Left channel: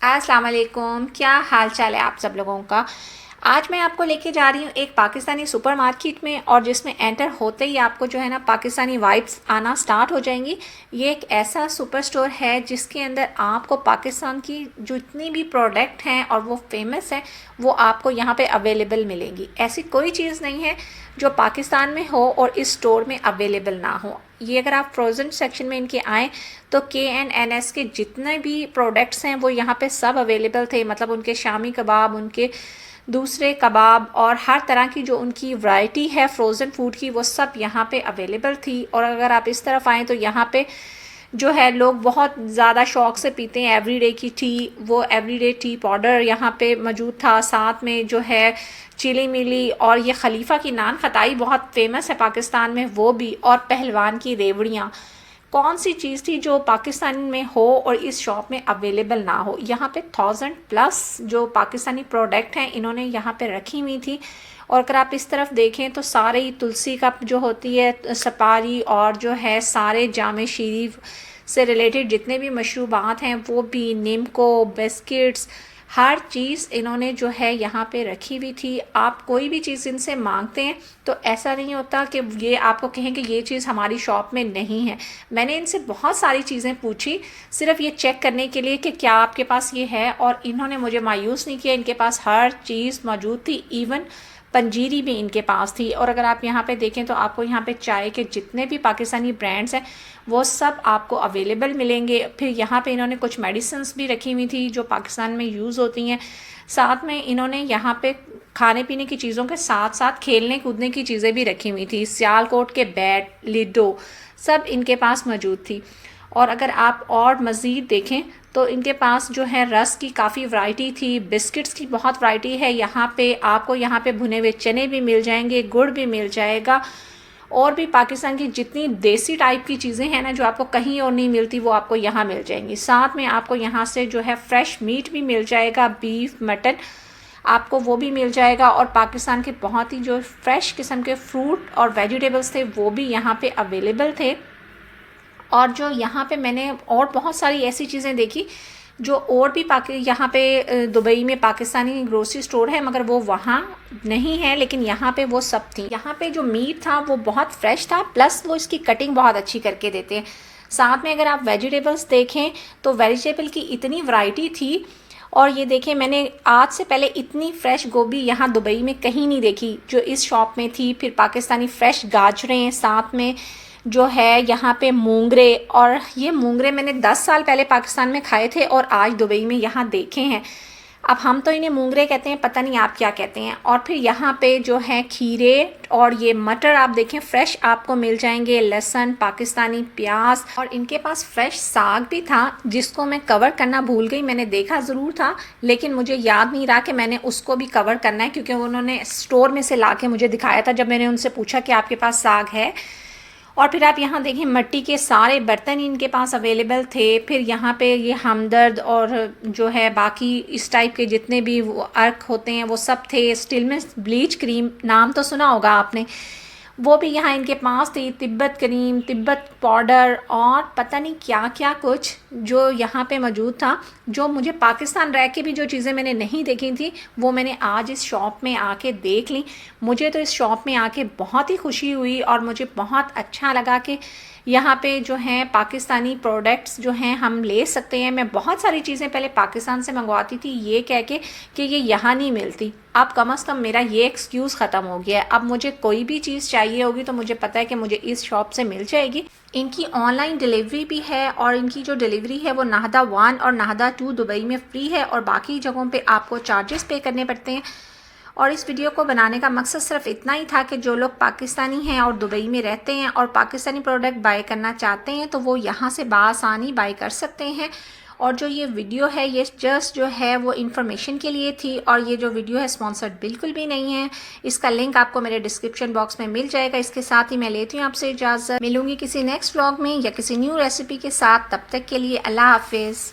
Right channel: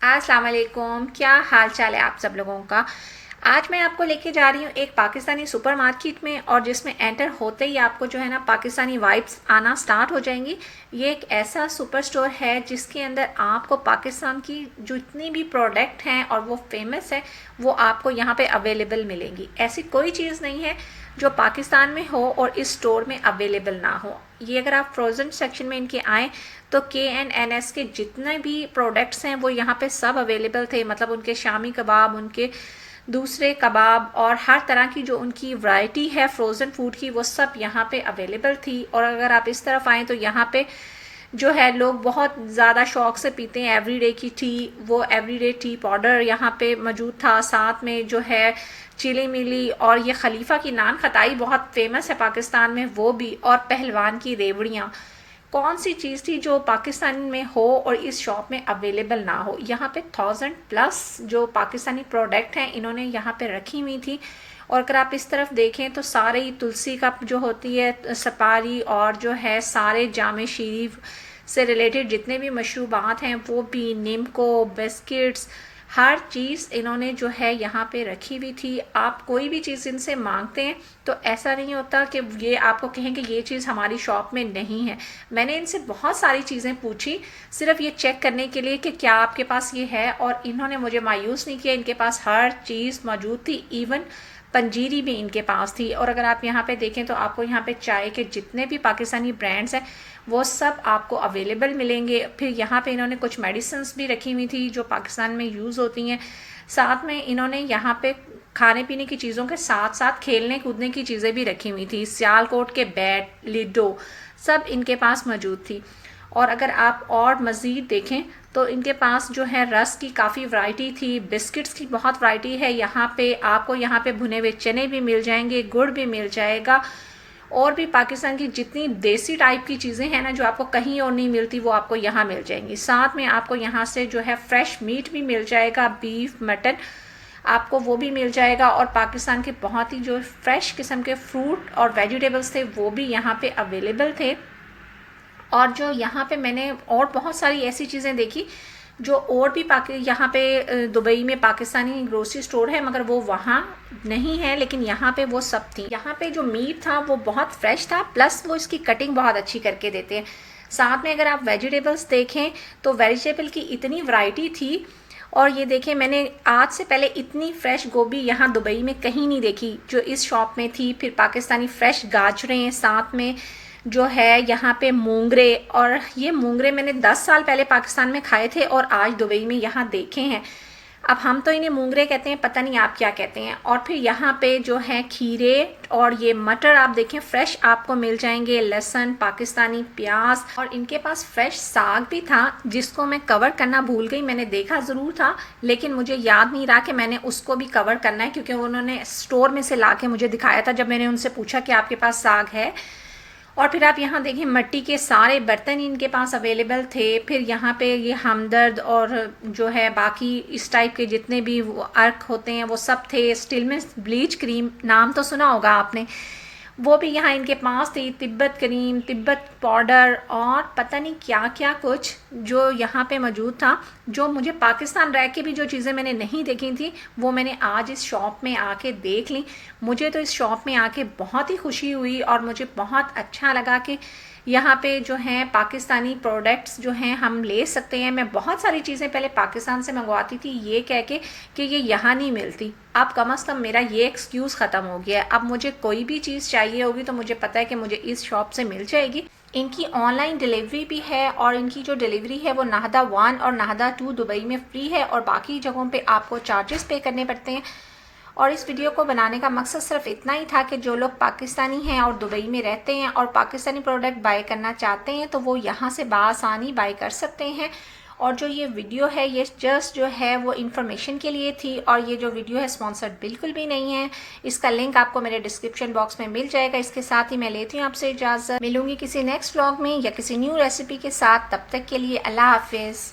अस्सलाम वालेकुम, क्या हाल चाल है आप सब लोगों का। आज मैं आपको लेके जा रही हूँ एक पाकिस्तानी सुपरमार्केट में, और जिसमें एंटर होते ही आपको जो है ना पाकिस्तानी वाइब्स आना स्टार्ट हो जाएंगी। ये एक ऐसा सुपर स्टोर है जिसके अंदर आपको पाकिस्तान की जितनी भी प्रोडक्ट हैं और वो फेमस है वो आपको यहाँ पे अवेलेबल मिलेंगी। ऐसी कोई चीज़ नहीं है जो पाकिस्तान में हो और इस स्टोर में अवेलेबल ना हो। ये अगर आप फ्रोज़न सेक्शन में इनके आएँ तो KNNS के जितने भी प्रोडक्ट्स हैं वो यहाँ पे सब अवेलेबल थे। मतलब उनके शामी कबाब, उनके दूसरे कबाब और हर तरह की जो उनकी वैरायटी है फ्रोज़न फूड की वो सब यहाँ पे अवेलेबल थी। और अगर आप इस तरफ आएँ तो यहाँ पे जो है लोग बहुत ज़्यादा शौक से पीते हैं एवरीडे की टी, वो एवरीडे टी पाउडर यहाँ पे मौजूद था। साथ में जो है चिली मिली और ये खलीफा की नान खताई बहुत फेमस है पाकिस्तान में, वो भी, और पहलवान की रेवड़ियाँ। कौन सी चीज़ थी जो पाकिस्तान में हो और इस शॉप में अवेलेबल ना हो। यहाँ पे 1000+ जो पाकिस्तानी प्रोडक्ट हैं इन्होंने यहाँ पे रखी हुई थी। और अगर आप इस तरफ देखें तो सारे ही तुलसी का जो होती है सपारी, और जो है सारे जामे शरीफ से रिलेटेड जितने भी मशरूबात हैं वो भी, निम्को, बिस्किट्स, हर चीज़ इन्होंने जो है यहाँ पे रखी हुई थी। आप कोई भी चीज़ इनसे मांगते हैं तो ऐसा नहीं होता कि ये आपको कहें कि ये चीज़ हमारी शॉप में नहीं है। मैंने इनसे बहुत सारी चीज़ें पूछी सिर्फ ये चेक करने के लिए कि क्या आपके पास ये है, और इन्होंने मुझे मायूस नहीं किया। इनके पास हर चीज़ मौजूद थी, इवन पंजीरी भी इनके पास थी। और अगर आप यहाँ पे देखें तो आपको यहाँ पे चाय के जितने भी पाकिस्तानी ब्रांड्स हैं वो सब आपको अवेलेबल मिलेंगे। फिर यहाँ पे इन्होंने कुछ मेडिसिन्स भी रखी हुई थी जो पाकिस्तान में यूज़ होती हैं। साथ में इन्होंने यहाँ पे खाने पीने की चीज़ों के साथ साथ खेलने कूदने की चीज़ें भी रखी हुई थी। सियालकोट के बैट, लिडो सब इनके पास मौजूद थी। और अगर आप और मज़ीद देखें तो इनके पास जो है रस की काफ़ी वैरायटी थी, बिस्किट्स की बहुत वैरायटी है। यहाँ पे आपको यहाँ पे भुने हुए चने भी मिल जाएंगे, गुड़ भी मिल जाएगा, और भी पाकिस्तान की जितनी देसी टाइप की चीज़ें हैं ना जो आपको कहीं और नहीं मिलती वो आपको यहाँ मिल जाएंगी। साथ में आपको यहाँ से जो है फ्रेश मीट भी मिल जाएगा, बीफ, मटन आपको वो भी मिल जाएगा। और पाकिस्तान के बहुत ही जो फ्रेश किस्म के फ्रूट और वेजिटेबल्स थे वो भी यहाँ पे अवेलेबल थे। और जो यहाँ पे मैंने और बहुत सारी ऐसी चीज़ें देखी जो और भी यहाँ पे दुबई में पाकिस्तानी ग्रोसरी स्टोर है मगर वो वहाँ नहीं है, लेकिन यहाँ पे वो सब थी। यहाँ पे जो मीट था वो बहुत फ्रेश था, प्लस वो इसकी कटिंग बहुत अच्छी करके देते हैं। साथ में अगर आप वेजिटेबल्स देखें तो वेजिटेबल की इतनी वैरायटी थी। और ये देखें, मैंने आज से पहले इतनी फ्रेश गोभी यहाँ दुबई में कहीं नहीं देखी जो इस शॉप में थी। फिर पाकिस्तानी फ्रेश गाजरें, साथ में जो है यहाँ पे मूंगरे, और ये मूंगरे मैंने 10 साल पहले पाकिस्तान में खाए थे और आज दुबई में यहाँ देखे हैं। अब हम तो इन्हें मूंगरे कहते हैं, पता नहीं आप क्या कहते हैं। और फिर यहाँ पे जो है खीरे और ये मटर आप देखें फ्रेश आपको मिल जाएंगे, लहसुन, पाकिस्तानी प्याज, और इनके पास फ्रेश साग भी था जिसको मैं कवर करना भूल गई। मैंने देखा ज़रूर था लेकिन मुझे याद नहीं रहा कि मैंने उसको भी कवर करना है, क्योंकि उन्होंने स्टोर में से ला के मुझे दिखाया था जब मैंने उनसे पूछा कि आपके पास साग है। और फिर आप यहाँ देखें मिट्टी के सारे बर्तन इनके पास अवेलेबल थे। फिर यहाँ पे ये हमदर्द और जो है बाकी इस टाइप के जितने भी वो अर्क होते हैं वो सब थे। स्टिलमेस ब्लीच क्रीम नाम तो सुना होगा आपने, वो भी यहाँ इनके पास थी। तिब्बत क्रीम, तिब्बत पाउडर और पता नहीं क्या क्या कुछ जो यहाँ पे मौजूद था। जो मुझे पाकिस्तान रह के भी जो चीज़ें मैंने नहीं देखी थी वो मैंने आज इस शॉप में आके देख ली। मुझे तो इस शॉप में आके बहुत ही खुशी हुई और मुझे बहुत अच्छा लगा कि यहाँ पे जो हैं पाकिस्तानी प्रोडक्ट्स जो हैं हम ले सकते हैं। मैं बहुत सारी चीज़ें पहले पाकिस्तान से मंगवाती थी ये कह के कि ये यहाँ नहीं मिलती। अब कम से कम मेरा ये एक्सक्यूज़ ख़त्म हो गया है। अब मुझे कोई भी चीज़ चाहिए होगी तो मुझे पता है कि मुझे इस शॉप से मिल जाएगी। इनकी ऑनलाइन डिलीवरी भी है, और इनकी जो डिलीवरी है वो नाहदा 1 और नाहदा 2 दुबई में फ्री है, और बाकी जगहों पे आपको चार्जेस पे करने पड़ते हैं। और इस वीडियो को बनाने का मकसद सिर्फ इतना ही था कि जो लोग पाकिस्तानी हैं और दुबई में रहते हैं और पाकिस्तानी प्रोडक्ट बाय करना चाहते हैं तो वो यहाँ से बआसानी बाय कर सकते हैं। और जो ये वीडियो है ये जस्ट जो है वो इन्फॉर्मेशन के लिए थी, और ये जो वीडियो है स्पॉन्सर्ड बिल्कुल भी नहीं है। इसका लिंक आपको मेरे डिस्क्रिप्शन बॉक्स में मिल जाएगा। इसके साथ ही मैं लेती हूँ आपसे इजाज़त। मिलूंगी किसी नेक्स्ट व्लॉग में या किसी न्यू रेसिपी के साथ। तब तक के लिए अल्लाह हाफिज़।